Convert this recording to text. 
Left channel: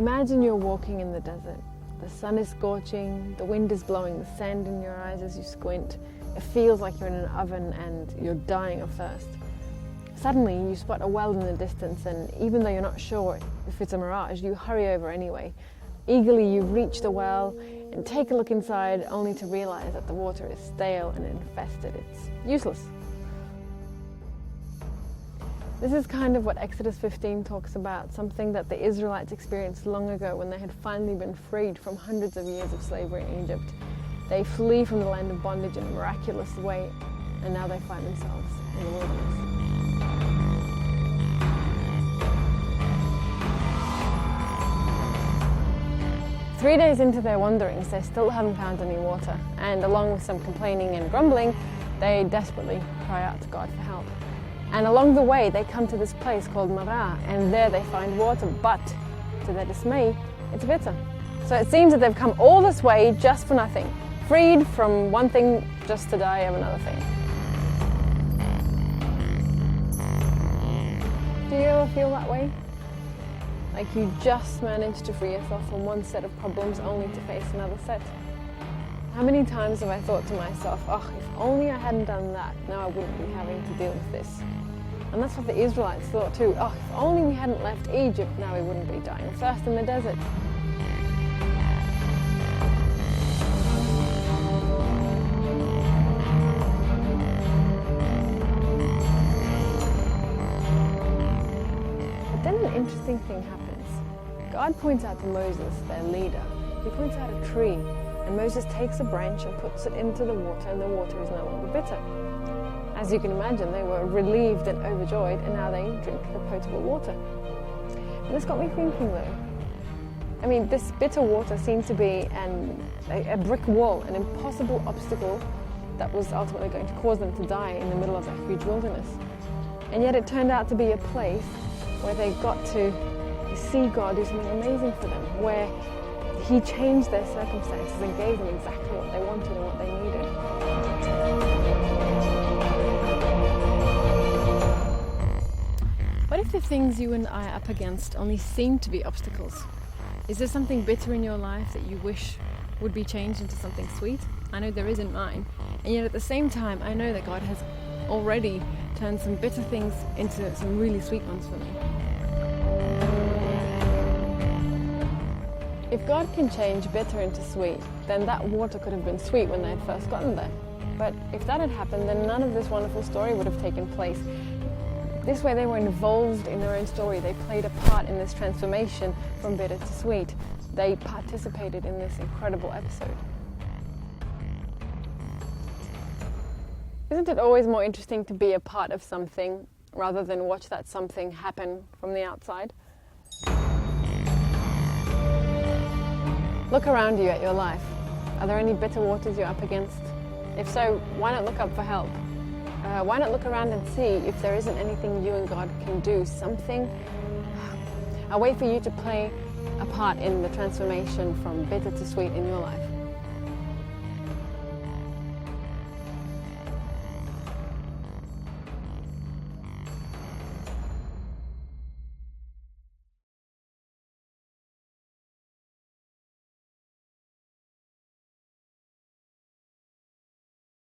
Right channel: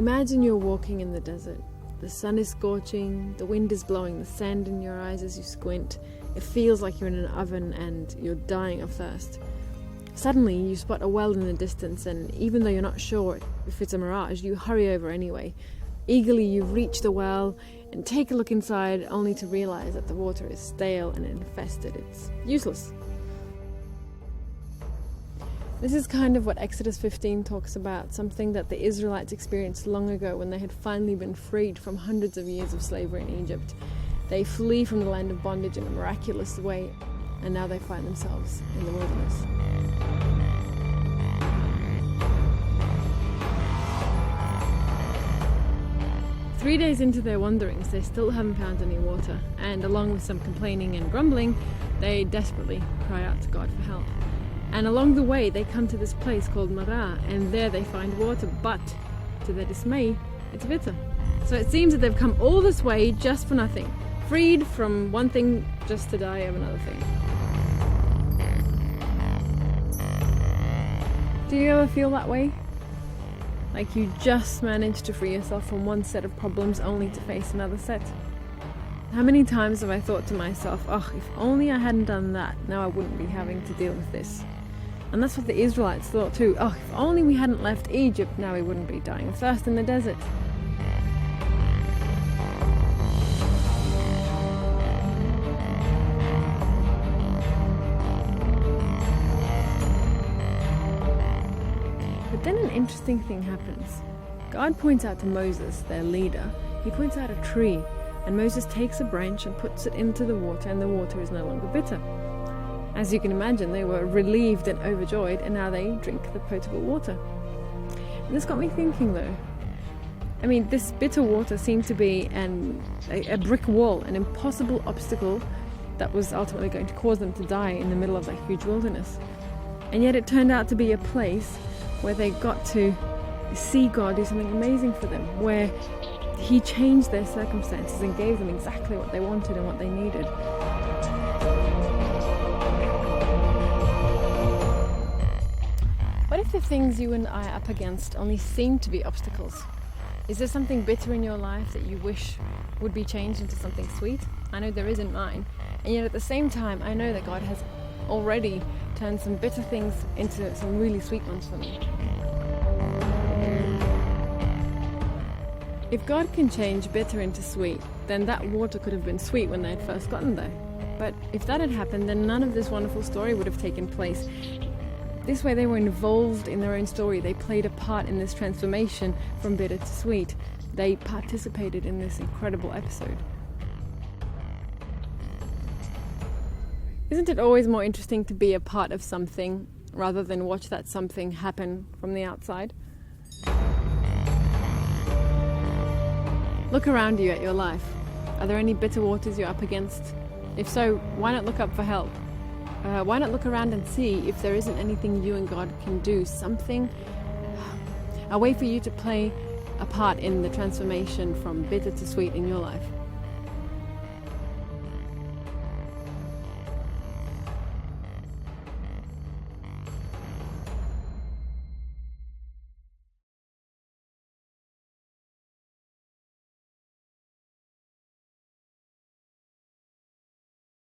Imagine you're walking in the desert. The sun is scorching, the wind is blowing the sand in your eyes as you squint. It feels like you're in an oven and you're dying of thirst. Suddenly you spot a well in the distance, and even though you're not sure if it's a mirage, you hurry over anyway. Eagerly you reach the well and take a look inside, only to realize that the water is stale and infested. It's useless. This is kind of what Exodus 15 talks about, something that the Israelites experienced long ago when they had finally been freed from hundreds of years of slavery in Egypt. They flee from the land of bondage in a miraculous way, and now they find themselves in the wilderness. Three days into their wanderings, they still haven't found any water, and along with some complaining and grumbling, they desperately cry out to God for help. And along the way, they come to this place called Marah, and there they find water, but to their dismay, it's bitter. So it seems that they've come all this way just for nothing, freed from one thing just to die of another thing. Do you ever feel that way? Like you just managed to free yourself from one set of problems only to face another set? How many times have I thought to myself, oh, if only I hadn't done that, now I wouldn't be having to deal with this. And that's what the Israelites thought too. Oh, if only we hadn't left Egypt, now we wouldn't be dying of thirst in the desert. But then an interesting thing happens. God points out to Moses, their leader, he points out a tree. And Moses takes a branch and puts it into the water, and the water is no longer bitter. As you can imagine, they were relieved and overjoyed, and now they drink the potable water. And this got me thinking though. I mean, this bitter water seemed to be a brick wall, an impossible obstacle that was ultimately going to cause them to die in the middle of a huge wilderness. And yet it turned out to be a place where they got to see God do something amazing for them, where He changed their circumstances and gave them exactly what they wanted and what they needed. What if the things you and I are up against only seem to be obstacles? Is there something bitter in your life that you wish would be changed into something sweet? I know there is in mine. And yet at the same time, I know that God has already turned some bitter things into some really sweet ones for me. If God can change bitter into sweet, then that water could have been sweet when they had first gotten there. But if that had happened, then none of this wonderful story would have taken place. This way they were involved in their own story. They played a part in this transformation from bitter to sweet. They participated in this incredible episode. Isn't it always more interesting to be a part of something rather than watch that something happen from the outside? Look around you at your life. Are there any bitter waters you're up against? If so, why not look up for help? Why not look around and see if there isn't anything you and God can do, something, a way for you to play a part in the transformation from bitter to sweet in your life?